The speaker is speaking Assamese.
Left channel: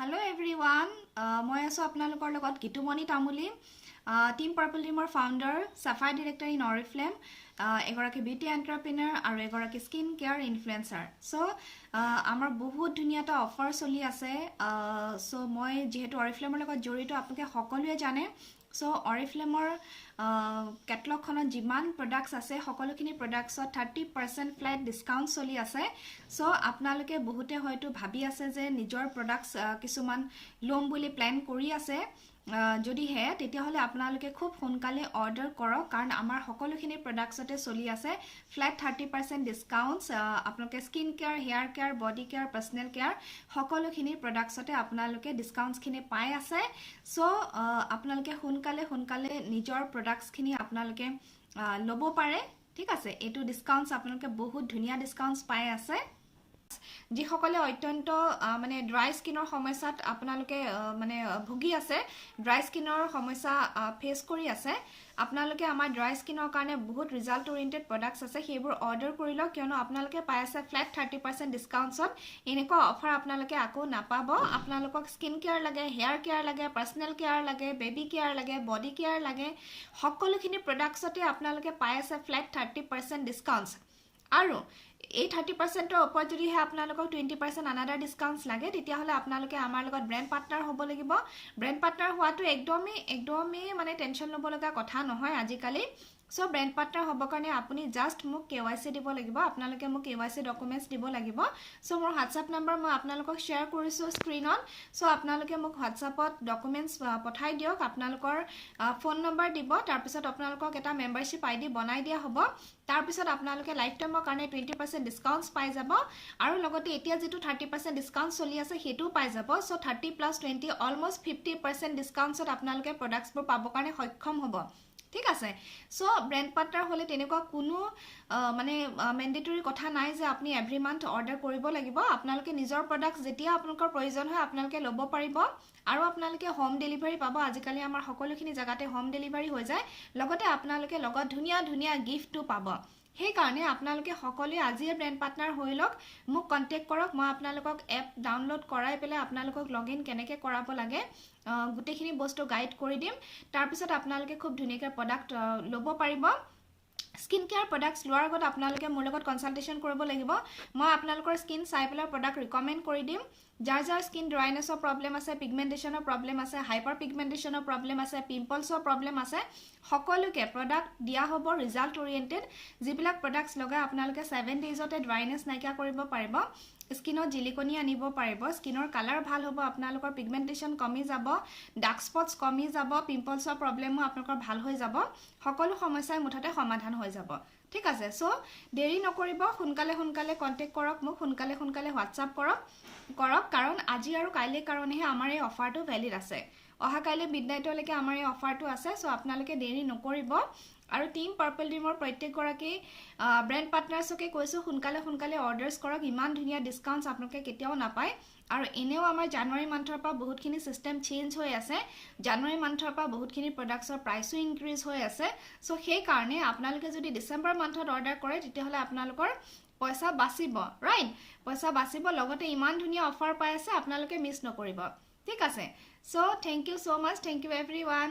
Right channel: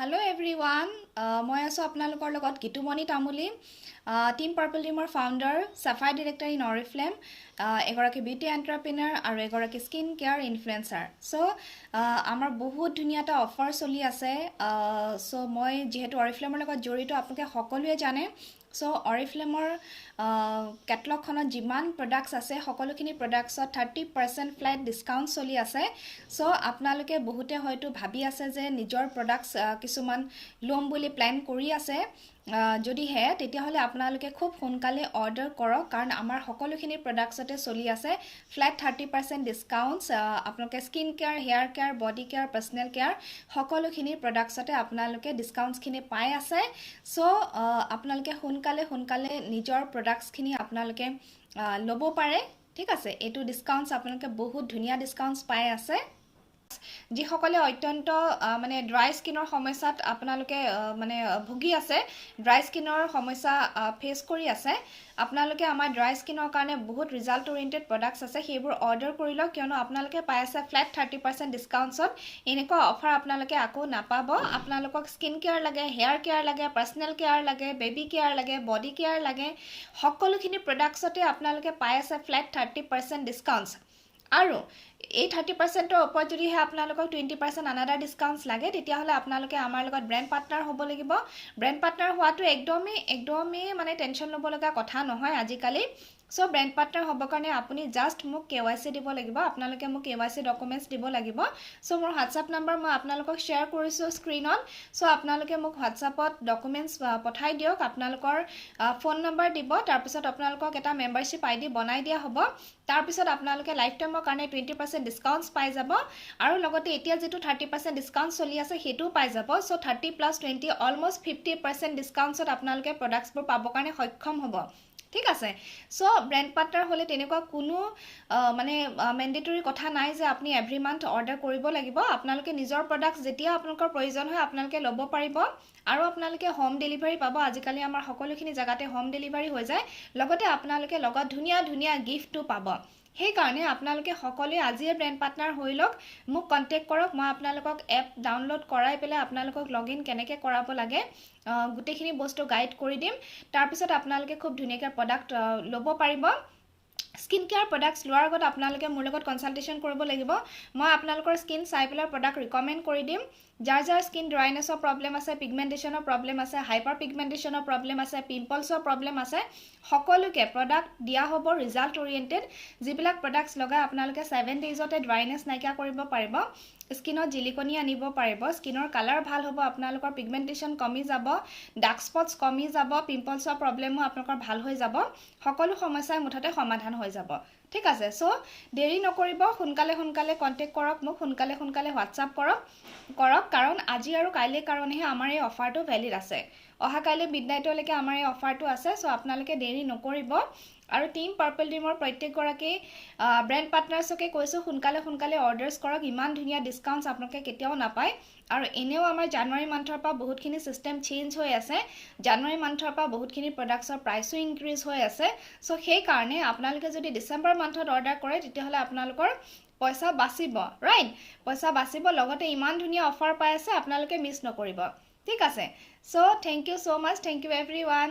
Hello everyone, মই আছো আপোনালোকৰ লগত গীতুমণি তামুলী টিম পাৰ্পল টিমৰ ফাউণ্ডাৰ সাফাই ডিৰেক্টৰ ইন অৰিফ্লেম এগৰাকী বিউটি এণ্টাৰপ্ৰিনাৰ আৰু এগৰাকী স্কিন কেয়াৰ ইনফ্লুৱেঞ্চাৰ আমাৰ বহুত ধুনীয়া এটা অফাৰ চলি আছে মই যিহেতু অৰিফ্লেমৰ লগত জড়িত আপোনালোকে সকলোৱে জানে অৰিফ্লেমৰ কেটলগখনত যিমান প্ৰডাক্টছ আছে সকলোখিনি প্ৰডাক্টছত 30% ফ্লেট ডিছকাউণ্ট চলি আছে আপোনালোকে বহুতে হয়তো ভাবি আছে যে নিজৰ প্ৰডাক্টছ কিছুমান ল'ম বুলি প্লেন কৰি আছে যদিহে তেতিয়াহ'লে আপোনালোকে খুব সোনকালে অৰ্ডাৰ কৰক কাৰণ আমাৰ সকলোখিনি প্ৰডাক্টছতে চলি আছে ফ্লেট 30% ডিছকাউণ্টছ আপোনালোকে skin care hair care body care personal care সকলোখিনি প্ৰডাক্টছতে আপোনালোকে ডিছকাউণ্টছখিনি পাই আছে আপোনালোকে সোনকালে নিজৰ প্ৰডাক্টছখিনি আপোনালোকে ল'ব পাৰে ঠিক আছে এইটো ডিছকাউণ্টছ আপোনালোকে বহুত ধুনীয়া ডিছকাউণ্টছ পাই আছে যিসকলে অত্যন্ত মানে ড্ৰাই স্কিনৰ সমস্যাত আপোনালোকে মানে ভুগি আছে ড্ৰাই স্কিনৰ সমস্যা ফেচ কৰি আছে আপোনালোকে আমাৰ ড্ৰাই স্কিনৰ কাৰণে বহুত ৰিজাল্ট ওৰিয়েণ্টেড প্ৰডাক্টছ আছে সেইবোৰ অৰ্ডাৰ কৰি লওক কিয়নো আপোনালোকে পাই আছে ফ্লেট 30% ডিছকাউণ্টছত এনেকুৱা অফাৰ আপোনালোকে আকৌ নাপাব আপোনালোকক স্কিন কেয়াৰ লাগে হেয়াৰ কেয়াৰ লাগে পাৰ্চনেল কেয়াৰ লাগে বেবী কেয়াৰ লাগে বডি কেয়াৰ লাগে সকলোখিনি প্ৰডাক্টছতে আপোনালোকে পাই আছে ফ্লেট 30% ডিছকাউণ্টছ আৰু এই 30%ৰ ওপৰত যদিহে আপোনালোকক 20% আনাদাৰ ডিছকাউণ্টছ লাগে তেতিয়াহ'লে আপোনালোকে আমাৰ লগত ব্ৰেণ্ড পাৰ্টনাৰ হ'ব লাগিব ব্ৰেণ্ড পাৰ্টনাৰ হোৱাটো একদমেই মানে টেনশ্যন ল'ব লগা কথা নহয় আজিকালি ব্ৰেণ্ড পাৰ্টনাৰ হ'বৰ কাৰণে আপুনি জাষ্ট মোক KYC দিব লাগিব আপোনালোকে মোক KYC ডকুমেণ্টছ দিব লাগিব মোৰ হোৱাটছআপ নম্বৰ মই আপোনালোকক শ্বেয়াৰ কৰিছোঁ স্ক্ৰীনত আপোনালোকে মোক হোৱাটছআপত ডকুমেণ্টছ পঠাই দিয়ক আপোনালোকৰ ফোন নম্বৰ দিব তাৰপিছত আপোনালোকক এটা মেম্বাৰশ্বিপ ID বনাই দিয়া হ'ব তাৰপিছত আপোনালোকে লাইফ টাইমৰ কাৰণে 20% ডিছকাউণ্টছ পাই যাব আৰু লগতে এতিয়া যেটো 30% ডিছকাউণ্ট চলি আছে হেটো পাই যাব 30 + 20 অলমোষ্ট 50% ডিছকাউণ্টছত আপোনালোকে প্ৰডাক্টছবোৰ পাবৰ কাৰণে সক্ষম হ'ব ঠিক আছে ব্ৰেণ্ড পাৰ্টনাৰ হ'লে তেনেকুৱা কোনো মানে মেণ্ডেটৰী কথা নাই যে আপুনি এভৰি মান্থ অৰ্ডাৰ কৰিব লাগিব আপোনালোকে নিজৰ প্ৰডাক্টছ যেতিয়া আপোনালোকৰ প্ৰয়োজন হয় আপোনালোকে ল'ব পাৰিব আৰু আপোনালোকে হোম ডেলিভাৰী পাব আজিকালি আমাৰ সকলোখিনি জাগাতে হোম ডেলিভাৰী হৈ যায় লগতে আপোনালোকে লগত ধুনীয়া গিফ্টটো পাব সেইকাৰণে আপোনালোকে সকলোৱে আজিয়ে ব্ৰেণ্ড পাৰ্টনাৰ হৈ লওক মোক কন্টেক্ট কৰক মই আপোনালোকক এপ ডাউনলোড কৰাই পেলাই আপোনালোকক লগইন কেনেকৈ কৰাব লাগে গোটেইখিনি বস্তু গাইড কৰি দিম তাৰপিছত আপোনালোকে খুব ধুনীয়াকৈ প্ৰডাক্ট ল'ব পাৰিব স্কিন কেয়াৰ প্ৰডাক্টছ লোৱাৰ আগত আপোনালোকে মোৰ লগত কনসালটেশ্যন কৰিব লাগিব মই আপোনালোকৰ স্কিন চাই পেলাই প্ৰডাক্ট ৰিকমেণ্ড কৰি দিম যাৰ স্কিন ড্ৰাইনেছৰ প্ৰব্লেম আছে পিগমেণ্টেশ্যনৰ প্ৰব্লেম আছে হাইপাৰ পিগমেণ্টেশ্যনৰ প্ৰব্লেম আছে পিম্পলছৰ প্ৰব্লেম আছে সকলোকে প্ৰডাক্ট দিয়া হ'ব ৰিজাল্ট ওৰিয়েণ্টেড যিবিলাক প্ৰডাক্টছ লগাই আপোনালোকে 7 ডেইজতে ড্ৰাইনেছ নাইকিয়া কৰিব পাৰিব স্কিনত জিলিকনি আনিব পাৰিব স্কিনৰ কালাৰ ভাল হ'ব আপোনালোকৰ পিগমেণ্টেশ্যন কমি যাব ডাৰ্ক স্পটছ কমি যাব পিম্পলছৰ প্ৰব্লেমো আপোনালোকৰ ভাল হৈ যাব সকলো সমস্যাৰ মুঠতে সমাধান হৈ যাব ঠিক আছে দেৰি নকৰিব সোনকালে কন্টেক্ট কৰক মোক সোনকালে হোৱাটছআপ কৰক কাৰণ আজি আৰু কাইলৈ কাৰণেহে আমাৰ এই অফাৰটো ভ্যালিড আছে অহা কাইলৈ মিডনাইটলৈকে আমাৰ এই অফাৰটো আছে আপোনালোকে দেৰি নকৰিব আৰু টিম পাৰ্পল টিমৰ প্ৰত্যেকগৰাকী ব্ৰেণ্ড পাৰ্টনাৰ্ছকে কৈছোঁ সোনকালে অৰ্ডাৰ্ছ কৰক ইমান ধুনীয়া ডিছকাউণ্টছ আপোনালোকে কেতিয়াও নাপায় আৰু এনেও আমাৰ জানুৱাৰী মান্থৰ পৰা বহুতখিনি সিস্টেম চেঞ্জ হৈ আছে জানুৱাৰী মান্থৰ পৰা বহুতখিনি প্ৰডাক্টছৰ প্ৰাইচো ইনক্ৰিজ হৈ আছে সেই কাৰণে আপোনালোকে যদি ডিসেম্বৰ মান্থত অৰ্ডাৰ কৰে তেতিয়াহ'লে আপোনালোকৰ পইচা বাচিব ৰাইট পইচা বাচিব লগতে ইমান ধুনীয়া অফাৰ পাই আছে আপোনালোকে মিছ নকৰিব ঠিক আছে থেংক ইউ সো মাচ থেংক ইউ এভৰিৱান